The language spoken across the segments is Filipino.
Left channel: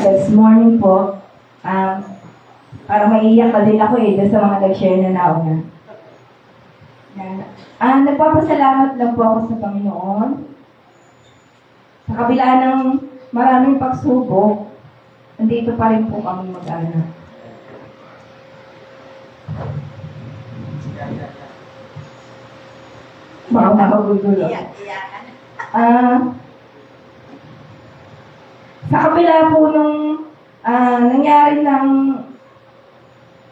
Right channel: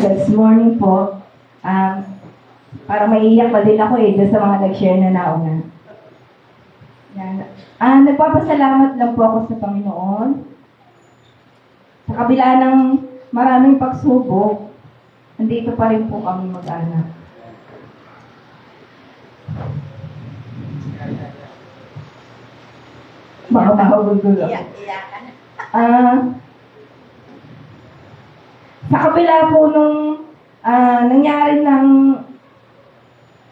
Yes, morning po. Parang maiiyak na din ako doon sa mga nag-share na nauna. Nagpapasalamat lang po ako sa Panginoon. Sa kabila ng maraming pagsubok, andito pa rin po kami mag-anak. Baka makagugulo. Sa kabila po nung nangyari ng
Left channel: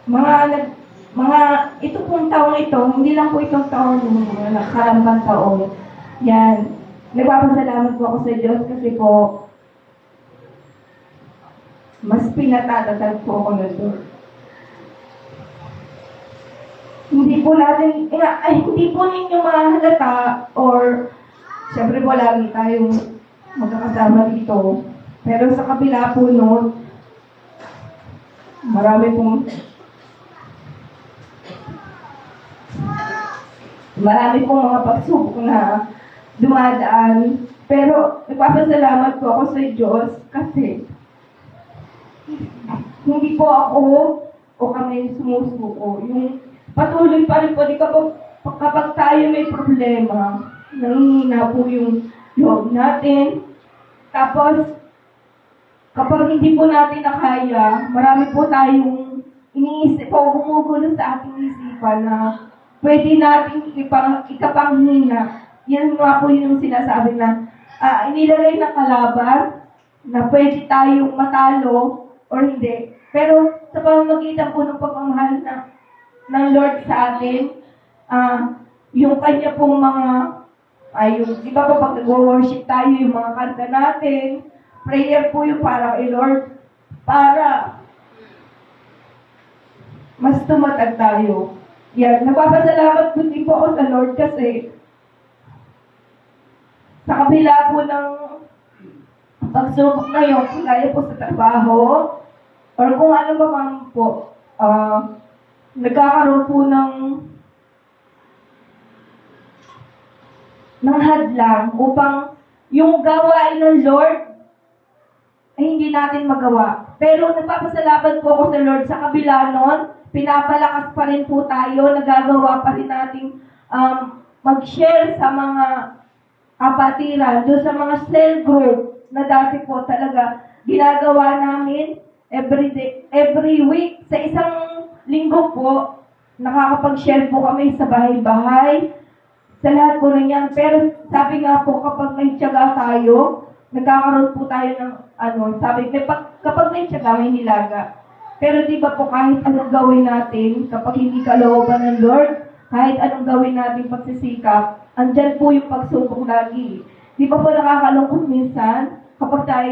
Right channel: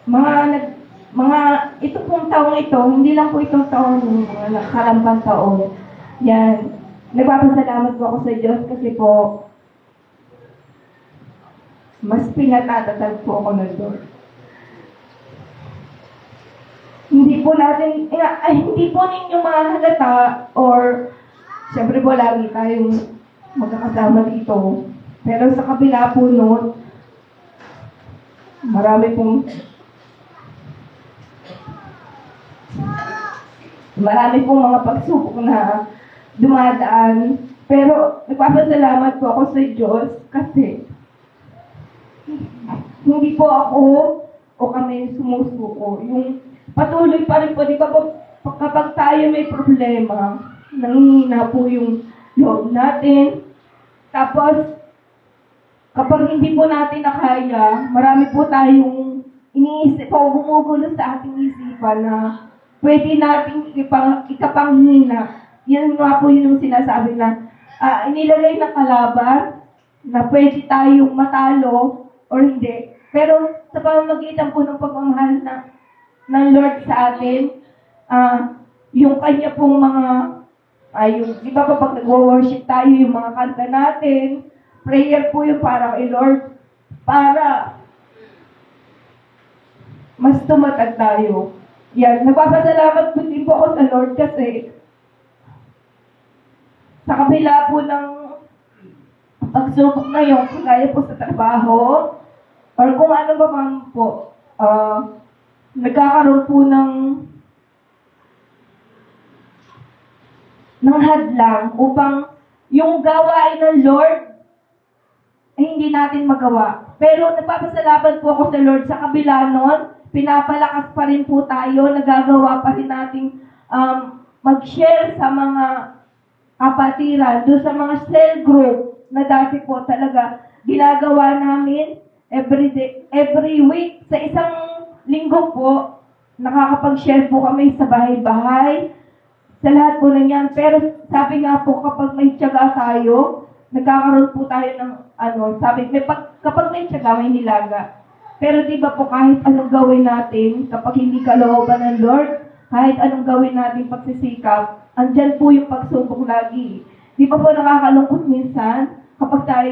mga ito pong taong ito, hindi lang po itong taong mga nakarambang taon. Yan. Nagpapasalamat po ako sa Diyos kasi po mas pinatatatag po ako ng Diyos. Hindi po natin, hindi po ninyo mahalata or siyempre po lagi tayong magkakasama dito. Pero sa kabila po noon, marami pong mga pagsubok na dumadaan. Pero nagpapasalamat po ako sa Diyos kasi hindi po ako o kami sumusuko. Yung patuloy pa rin po, kapag tayo may problema, nanghihina po yung loob natin. Tapos, kapag hindi po natin nakaya, marami po tayong iniisip o gumugulo sa ating isipan na pwede natin ikapanghina. Yan nga po yung sinasabi na inilalay ng kalaban na pwede tayong matalo or hindi. Pero sa pamamagitan po ng pagmamahal ng Lord sa atin, yung kanya pong mga, di ba pag nag-worship tayo, yung mga kanta natin, prayer po yung para kay Lord, para mas tumatag tayo. Yan, nagpapasalamat po din po ako sa Lord kasi sa kabila po ng pagsubok na yun, kaya po sa trabaho, or kung ano ba man po, nagkakaroon po ng hadlang upang yung gawain ng Lord ay hindi natin magawa. Pero nagpapasalamat po ako sa Lord sa kabila nun, pinapalakas pa rin po tayo, nagagawa pa rin nating mag-share sa mga kapatiran, doon sa mga cell group na dati po talaga ginagawa namin every week. Sa isang linggo po, nakakapag-share po kami sa bahay-bahay, sa lahat po yan. Pero sabi nga po, kapag may tiyaga tayo, nagkakaroon po tayo ng kapag may tiyaga, may nilaga. Pero di ba po kahit anong gawin natin, kapag hindi kalooban ng Lord, kahit anong gawin natin pagsisikap, andyan po yung pagsubok lagi. Di ba po nakakalungkot minsan, kapag tayo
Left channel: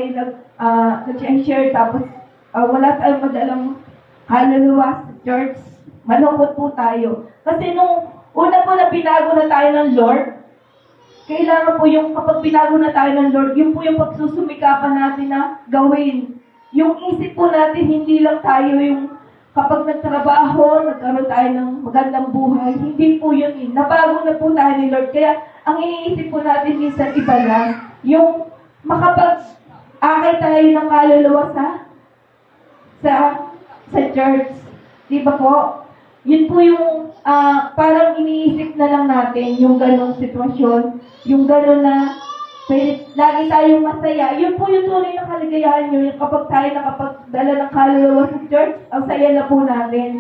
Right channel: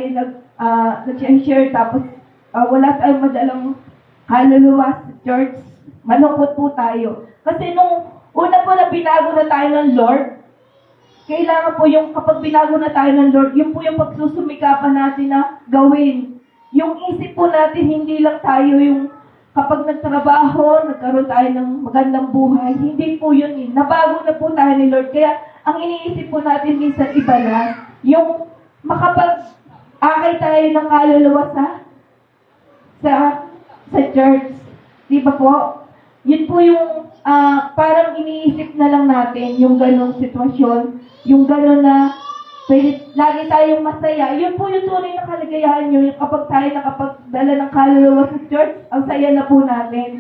nag-share tapos wala tayong madalang haluluwa sa church, malungkot po tayo. Kasi nung una po na binago na tayo ng Lord, kailangan po yung kapag binago na tayo ng Lord, yun po yung pagsusumikapan natin na gawin. Yung isip po natin, hindi lang tayo yung kapag nagtrabaho, nagkaroon tayo ng magandang buhay, hindi po yun eh. Nabago na po tayo ni Lord. Kaya ang iniisip po natin minsan iba na, yung makapag-akay tayo ng kaluluwa sa church. Di ba po? Yun po yung parang iniisip na lang natin yung ganong sitwasyon, yung ganon na lagi tayong masaya. Yun po yung tunay na kaligayahan nyo, yung kapag tayo nakapagdala ng kaluluwa sa church, ang saya na po natin.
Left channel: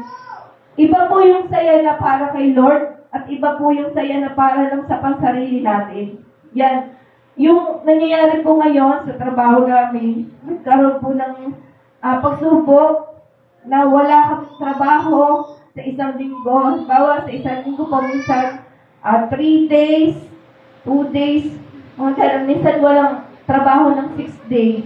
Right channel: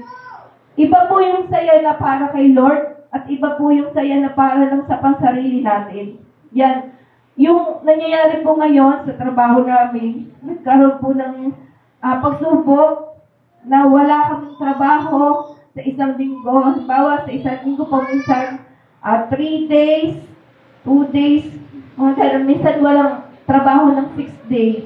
Iba po yung saya na para kay Lord, at iba po yung saya na para lang sa pansarili natin. Yan. Yung nangyayari po ngayon sa trabaho namin, nagkaroon po ng pagsubok na wala kang trabaho sa isang linggo. Halimbawa, sa isang linggo po minsan 3 days, 2 days, minsan walang trabaho ng 6 days.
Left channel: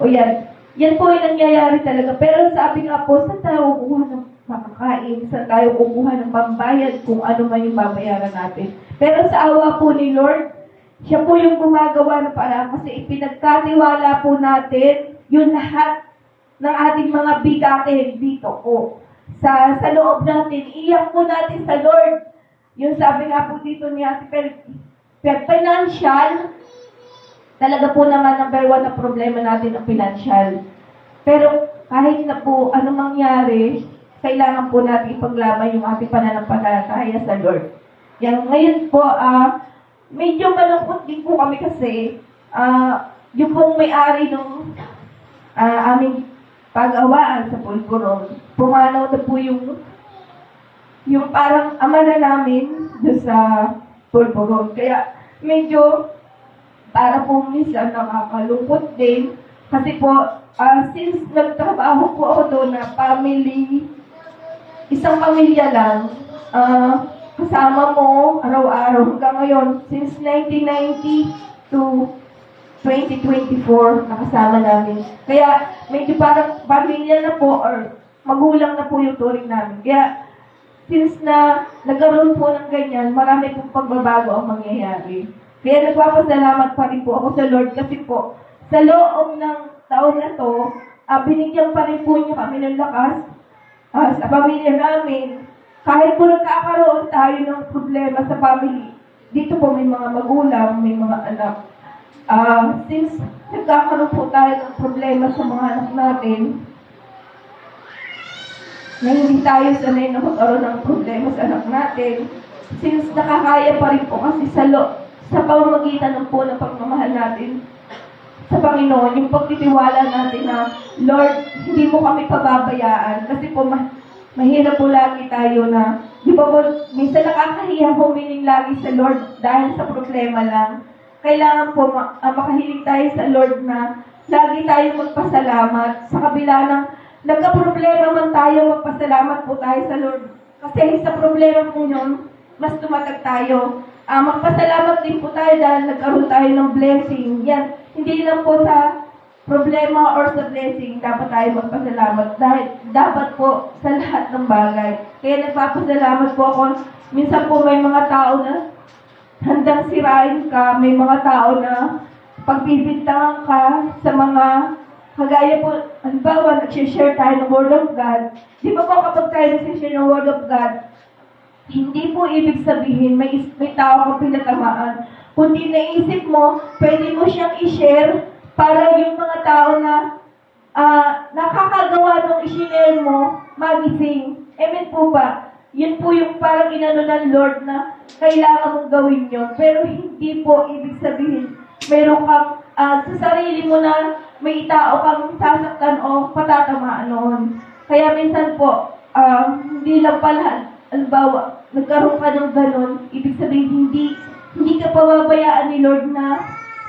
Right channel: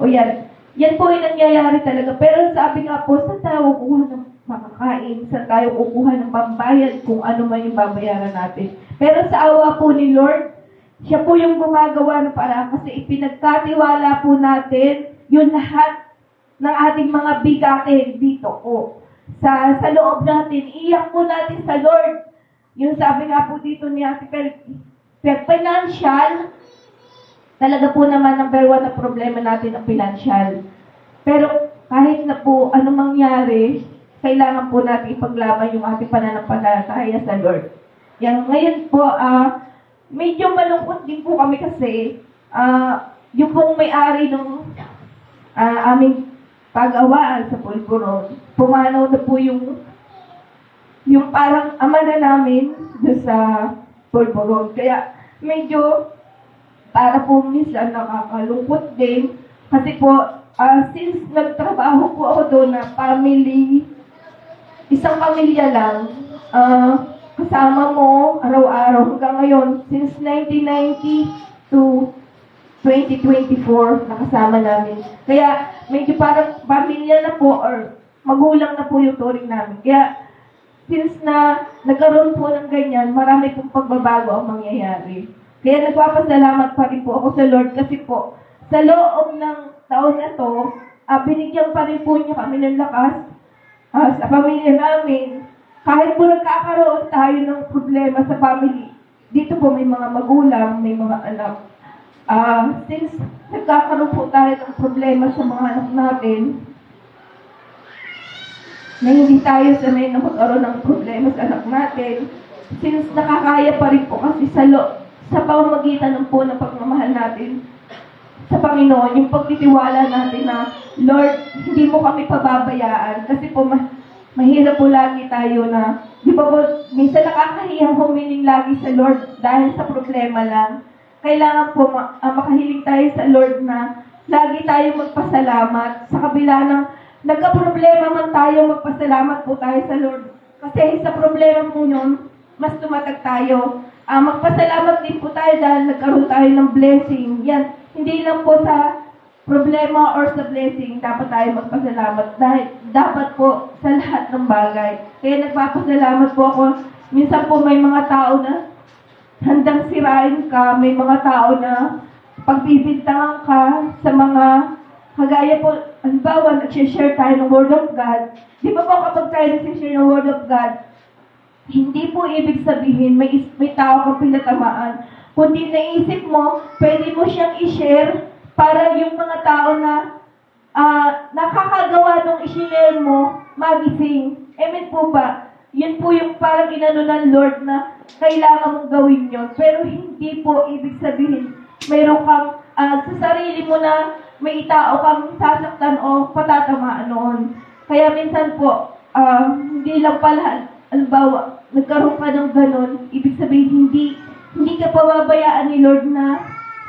O yan. Yan po yung nangyayari talaga. Pero sabi nga po, saan tayo kukuha ng makakain? Saan tayo kukuha ng pambayad kung ano man yung babayaran natin? Pero sa awa po ni Lord, siya po yung gumagawa ng paraan kasi ipinagkatiwala po natin yung lahat ng ating mga bigatin dito po. Sa loob natin, iyak po natin sa Lord. Yung sabi nga po dito ni Ate financial, talaga po naman number one na problema natin ang financial. Pero kahit na po anong mangyari, kailangan po natin ipaglaban yung ating pananampalataya sa Lord. Yan, ngayon po, medyo malungkot din po kami kasi yung pong may-ari ng aming pag-awaan sa Pulburon, pumanaw na po yung parang ama na namin doon sa Pulburon. Kaya medyo para po minsan nakakalungkot din kasi po since nagtrabaho po ako doon na isang pamilya lang, kasama mo araw-araw hanggang ngayon, since 1990 to 2024, nakasama namin. Kaya medyo parang pamilya na po or magulang na po yung turing namin. Kaya since na nagkaroon po ng ganyan, marami pong pagbabago ang mangyayari. Kaya nagpapasalamat pa rin po ako sa Lord kasi po sa loob ng taon na to, binigyan pa rin po niya kami ng lakas sa pamilya namin. Kahit po nagkakaroon tayo ng problema sa family, dito po may mga magulang, may mga anak. Since nagkakaroon po tayo ng problema sa mga anak natin, na hindi tayo sanay na magkaroon ng problema sa anak natin, since nakakaya pa rin po kasi sa pamamagitan ng po ng pagmamahal natin sa Panginoon, yung pagtitiwala natin na, Lord, hindi mo kami pababayaan. Kasi po, mahirap po lagi tayo na, di ba po, minsan nakakahiyang humiling lagi sa Lord dahil sa problema lang. Kailangan po makahiling tayo sa Lord na lagi tayo magpasalamat. Sa kabila ng nagka-problema man tayo, magpasalamat po tayo sa Lord. Kasi sa problema po yun, mas tumatag tayo. Magpasalamat din po tayo dahil nagkaroon tayo ng blessing. Yan, hindi lang po sa problema or sa blessing dapat tayo magpasalamat. Dahil dapat po sa lahat ng bagay. Kaya nagpapasalamat po ako. Minsan po may mga tao na handang sirain ka, may mga tao na pagbibintangan ka sa mga kagaya po, halimbawa, nag-share tayo ng Word of God. Di ba po kapag tayo nag-share ng Word of God, hindi po ibig sabihin may tao kang pinatamaan. Kundi naisip mo, pwede mo siyang i-share para yung mga tao na nakakagawa ng i-share mo, magising. Amen po ba? Yun po yung parang inano ng Lord na kailangan mong gawin yun. Pero hindi po ibig sabihin, meron kang sa sarili mo na may tao kang sasaktan o patatamaan noon. Kaya minsan po, hindi lang pala, halimbawa, nagkaroon ka ng ganun, ibig sabihin, hindi ka pababayaan ni Lord na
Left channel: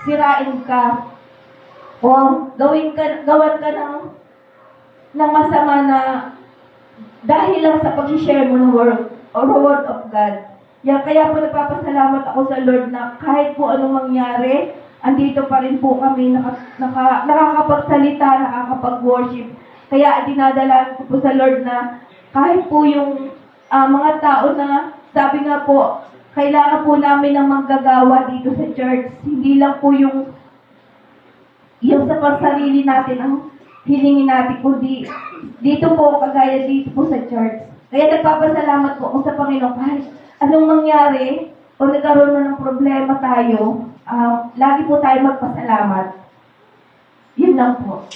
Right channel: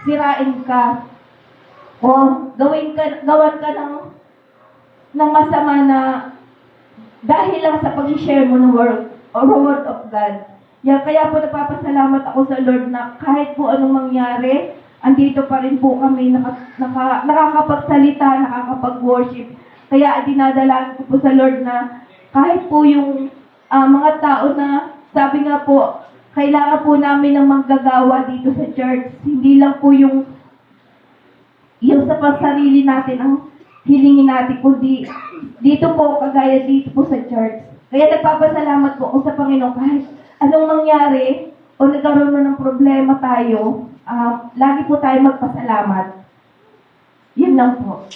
sirain ka. O gawan ka ng masama na dahil lang sa pag-share mo ng word of God. Kaya po nagpapasalamat ako sa Lord na kahit po anong mangyari, andito pa rin po kami nakakapagsalita, nakakapag-worship. Kaya dinadalaan ko po sa Lord na kahit po yung mga tao na sabi nga po, kailangan po namin ng manggagawa dito sa church. Hindi lang po yung sa pansarili natin ang hilingin natin, kundi dito po, kagaya dito po sa church. Kaya nagpapasalamat po ako sa Panginoon kahit anong mangyari o nagkaroon na ng problema tayo, lagi po tayo magpasalamat. Yun lang po.